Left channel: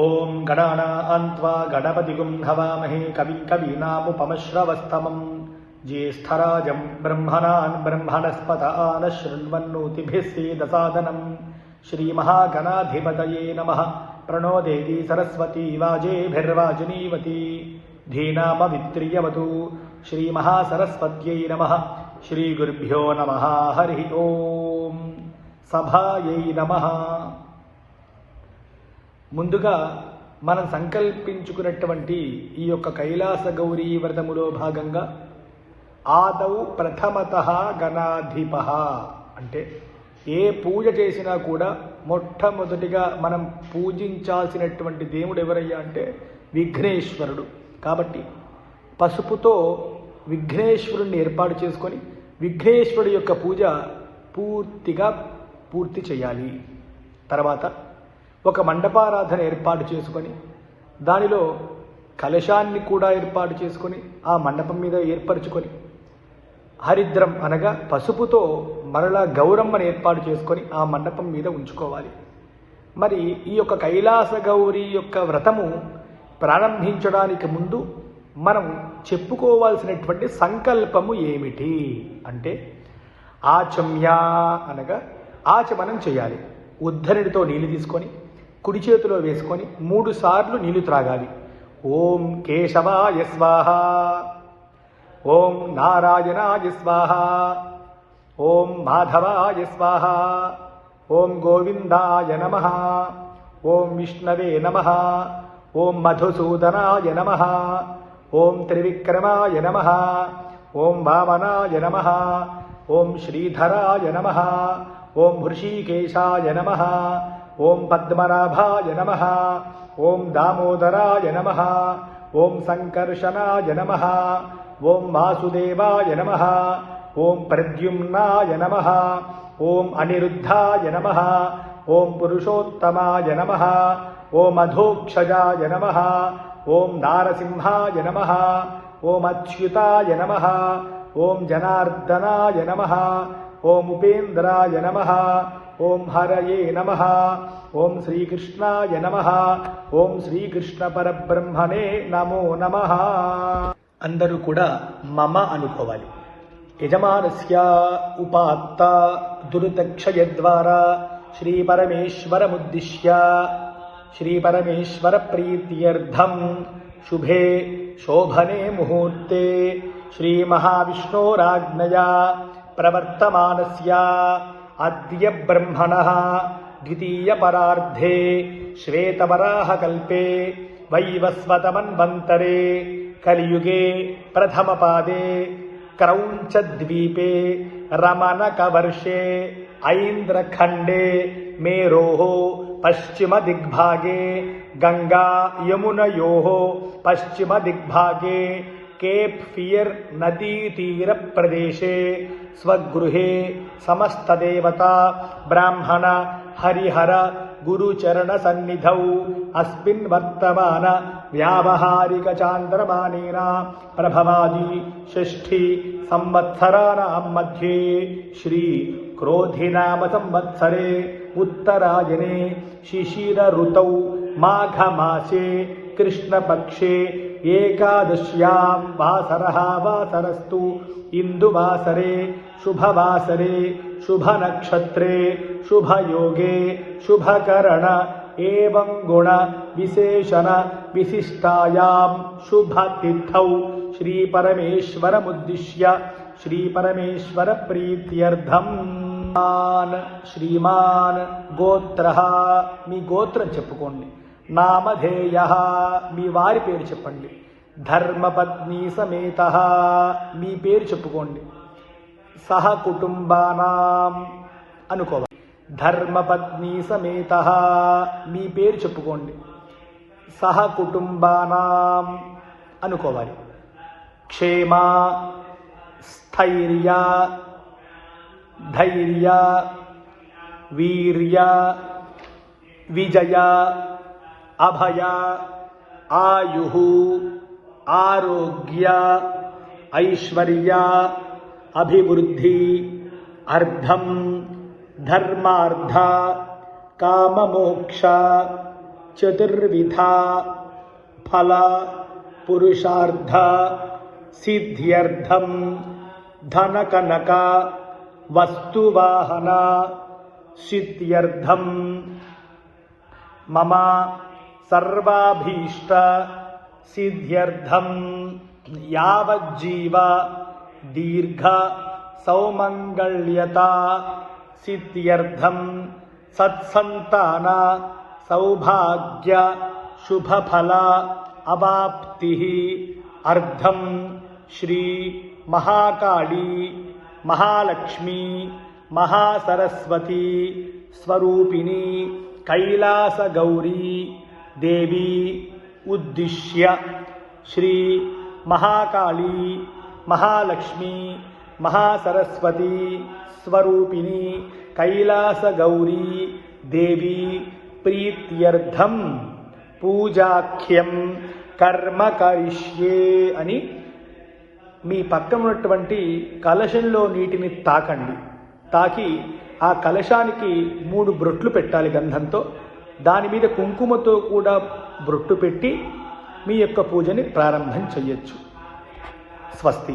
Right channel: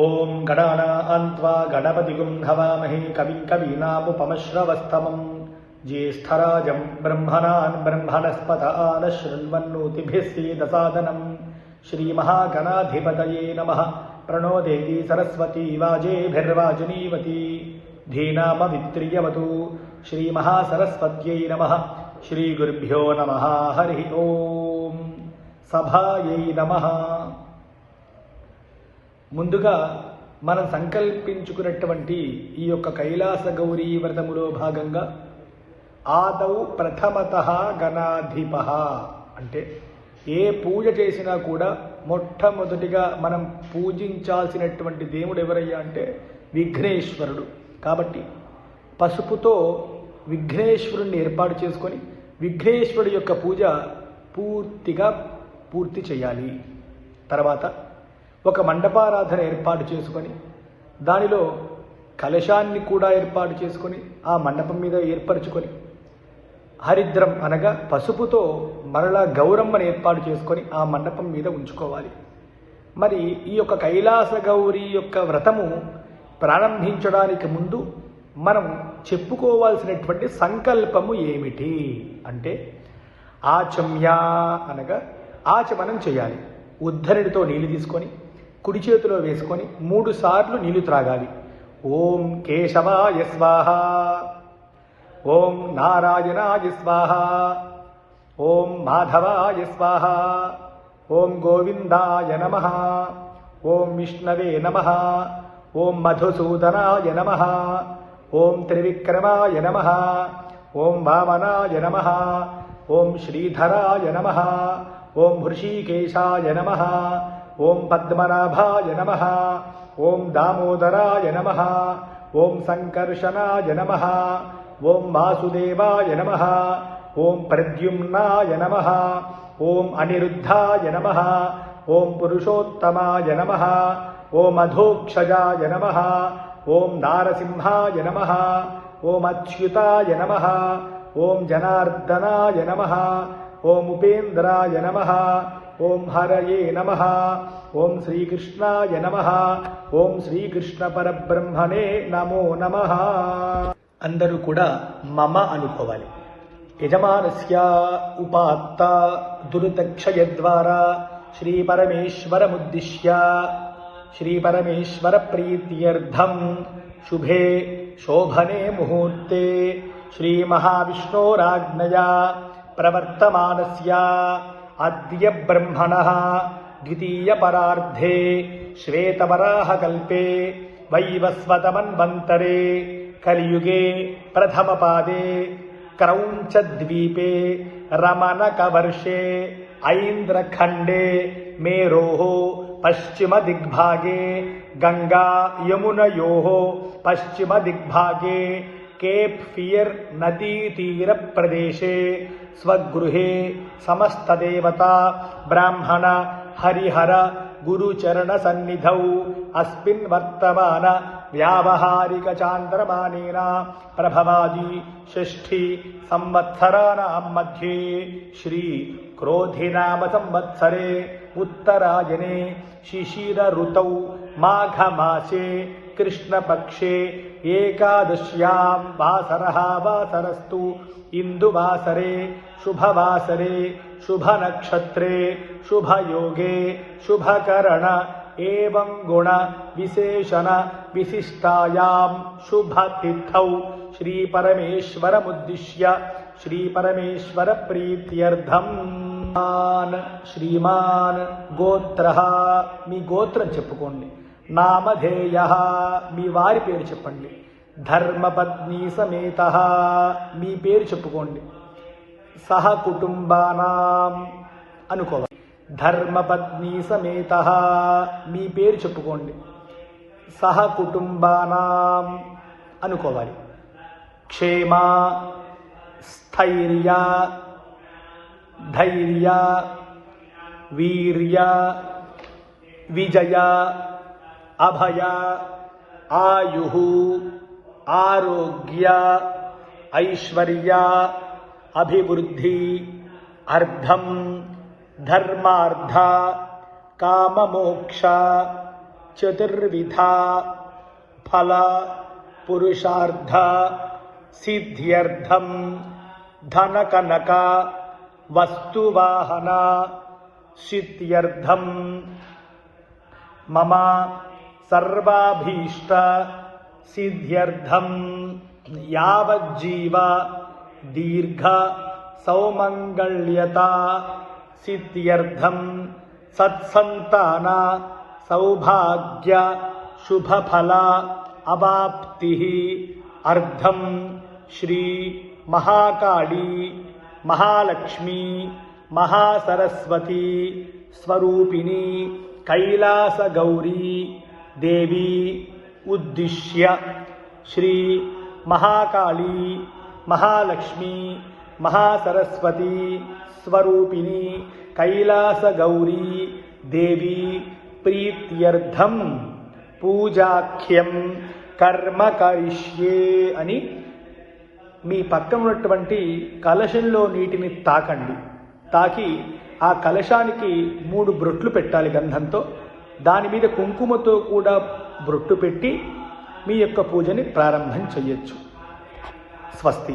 ఓం గణానాన్త్వా గణపతిగుం హవామహే కవిం కవీనాముపమశ్రవస్తమం జ్యేష్ఠరాజం బ్రహ్మణాన్ బ్రహ్మణస్పత ఆనశృణ్వన్నోతిభిः సేదసాదనం శ్రీమహాగణాధిపతయే నమః. ప్రణో దేవీ సరస్వతీ వాజేభిర్వాజినీవతి ధీనాపవిత్ర్యవతు. శ్రీమహాసరస్వత్యై నమః. శ్రీగురుభ్యో నమః. హరి ఓం. సభాయై నమః. ముందుగా మనం సంకల్పించుకున్నటువంటి ఈ యొక్క కైలాస గౌరీ వ్రతములో భాగంగా ఆదౌ ప్రథమతః గణాధిపః అంటే ఏ పూజ చేసినా కూడా మొట్టమొదటిగా మనం పూజించాల్సినటువంటి దేవుడు ఎవరయ్యా అంటే విఘ్నేశ్వరుడు. కాబట్టి పసుపుతో విఘ్నేశ్వరుని ఏర్పాటు చేసుకొని విఘ్నేశ్వరుడు యొక్క పూజ పూర్తి చేయాలి. తర్వాత ఒక మండపారాధన ఏర్పాటు చేసుకొని దానిలో కలశాన్ని కూడా ఏర్పాటు చేసుకొని ఆ మండపం మీద ఏర్పరచుకొని హరిద్రం అనగా పసుపుతో మరలా గౌరమ్మను ఏర్పాటు చేసుకొని ఆ మండపం మీద ఉంచుకోవాలి. మరి ఈ యొక్క కైలాస గౌరీ యొక్క వ్రతము ప్రారంభించడానికి ముందు మనం చెప్పుకోవాల్సినటువంటి సంకల్పము ఏమిటి అంటే ఆచమ్య అనగా ఆచమనం చేయాలి. ఉద్ధరుడితో నీళ్లు తీసుకొని కుడి చేతిలో వేసుకొని 3 సార్లు నీళ్లు త్రాగాలి. ఓం కేశవాయ స్వాహ, ఓం నారాయణాయ స్వాహ, ఓం మాధవాయ స్వాహ, ఓం గోవిందాయ నమః, ఓం విష్ణవే నమః, ఓం మధుసూదనాయ నమః, ఓం త్రివిక్రమాయ నమః, ఓం వామనాయ నమః, ఓం శ్రీధరాయ నమః, ఓం హృషీకేశాయ నమః, ఓం పద్మనాభాయ నమః, ఓం దామోదరాయ నమః, ఓం సంకర్షణాయ నమః, ఓం వాసుదేవాయ నమః, ఓం ప్రద్యుమ్నాయ నమః, ఓం అనిరుద్ధాయ నమః, ఓం పురుషోత్తమాయ నమః, ఓం అధోక్షజాయ నమః, ఓం నారసింహాయ నమః, ఓం అచ్యుతాయ నమః, ఓం జనార్దనాయ నమః, ఓం ఉపేంద్రాయ నమః, ఓం హరయే నమః, ఓం శ్రీకృష్ణాయ నమః, ఓం శ్రీకృష్ణ పరబ్రహ్మణే నమో నమః. అందరూ కూడా మమ అనుకోవాలి. యజమానస్య ఉపాత్త దురితక్షయ ద్వారా శ్రీపరమేశ్వరముద్దిశ్య శ్రీపరమేశ్వర ప్రీత్యర్థం శుభే శోభనే ముహూర్తే శ్రీమహావిష్ణోరాజ్ఞయా ప్రవర్తమానస్య అద్య బ్రహ్మణః ద్వితీయ పరార్ధే శ్వేతవరాహకల్పే వైవస్వతమన్వంతరే కలియుగే ప్రథమపాదే క్రౌంచద్వీపే రమణతవర్షే ఐంద్రఖండే మేరోః పశ్చిమ దిగ్భాగే గంగా యమునయోః పశ్చిమ దిగ్భాగే కేప్ ఫియర్ నదీతీర ప్రదేశే స్వగృహే సమస్తదేవతా బ్రాహ్మణ హరిహర గురుచరణ సన్నిధౌ అస్మిన్ వర్తమాన యావహారిక చాంద్రమానేన ప్రభవామి షష్ఠి సంవత్సరాణాం మధ్యే శ్రీ క్రోధినామ సంవత్సరే ఉత్తరాయణే శిశిర ఋతౌ మాఘమాసే కృష్ణపక్షే ఏకాదశ్యాం వాసరః వాసరస్తు ఇందువాసరే శుభవాసరే శుభనక్షత్రే శుభయోగే శుభకరణ ఏవం గుణ విశేషణ విశిష్టాయాం శుభతిథౌ శ్రీపరమేశ్వరముద్దిశ్య శ్రీపరమేశ్వర ప్రీత్యర్థం. శ్రీమాన్ గోత్రః మీ గోత్రం చెప్పుకోండి. నామధేయః మీ వారి పేరు చెప్పండి. ధర్మపత్ని సమేతః మీ పేరు చెప్పుకోండి. సహ కుటుంబానాం అనుకోవాలి. ధర్మపత్ని సమేతః మీ పేరు చెప్పుకోండి. సహ కుటుంబానాం అనుకోవాలి. క్షేమ స్థైర్య ధైర్య వీర్య విజయ అభయ ఆయు ఆరోగ్య ఐశ్వర్య అభివృద్ధి అర్థం ధర్మార్థ కామమోక్ష చతుర్విధా ఫల పురుషార్థ సిద్ధ్యర్థం ధనకనక వస్తువాహన సిద్ధ్యర్థం మమ సర్వాభీష్ట సిద్ధ్యర్థం యావజ్జీవ దీర్ఘ సౌమంగళ్యత సిద్ధ్యర్థం సత్సంతాన సౌభాగ్య శుభఫల అవాప్తి అర్థం శ్రీ మహాకాళీ మహాలక్ష్మీ మహాసరస్వతి స్వరూపిణి కైలాస గౌరీ దేవి ఉద్దిశ్య శ్రీ మహాకాళీ మహాలక్ష్మీ మహాసరస్వతి స్వరూపిణి కైలాస గౌరీ దేవి ప్రీత్యర్థం పూజాఖ్యం కర్మ కరిష్యే అని మీ పక్కనటువంటి కలశంలో నీటిని తాకండి. తాకి ఆ కలశానికి 3 బ్రొట్లు పెట్టాలి గంధంతో. దాని మీద కుంకుమతో కూడా బ్రొట్టు పెట్టి మీ యొక్క పూజని ప్రారంభం చేయొచ్చు. స్వస్తి.